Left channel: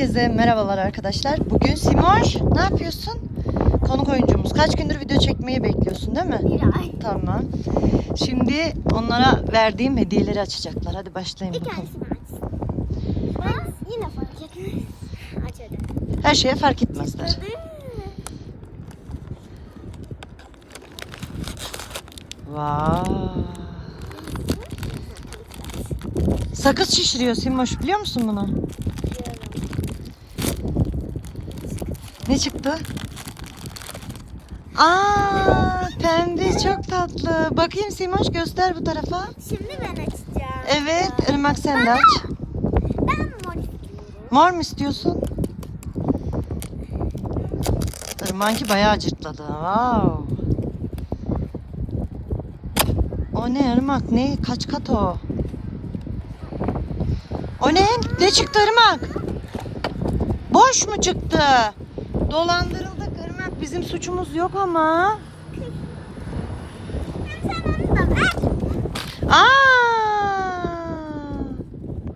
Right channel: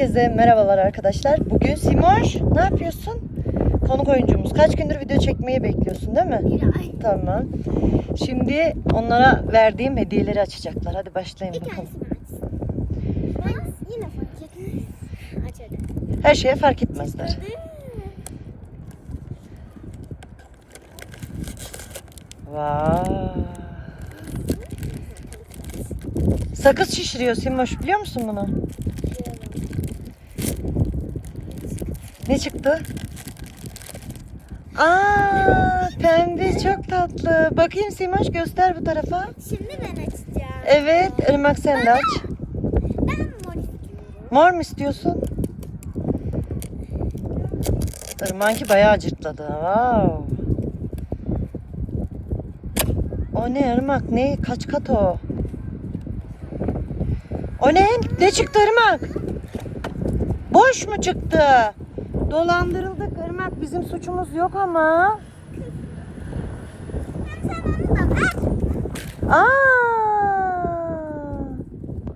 Herkese merhabalar arkadaşlar. Bugün Simoş ne yapıyorsun? Konuk oyuncumuz. Kaç gündür video çekmeyi bekliyorsun değil mi? Bir ay. Tamam. Şimdi onlara verdiğim hediyeleri açacaklar. Hadi başlayın Bir bakalım. tanesini aç. Ben yine fark ettim. Aç hadi. Her şeye fark etmezler. Vay. Sakız şişiriyor Simoş biliyor musun bunu? Ne çıktı? Aa, pembe çok tatlı. Bakayım Simoş göster bu tarafa. Şimdi ben açacağım. Evet, Irmak sen de aç. Ben mor istiyorum. Mor mu istiyorsun? Irmak'ı bayağı acıtladı. Wow. O ne Irmak? Ne? Kaç kat o? O ne? Ne çıktı Irmak? Boş mu çıktı? Dolandırıldık Irmak. Bizim suçumuz yok ama.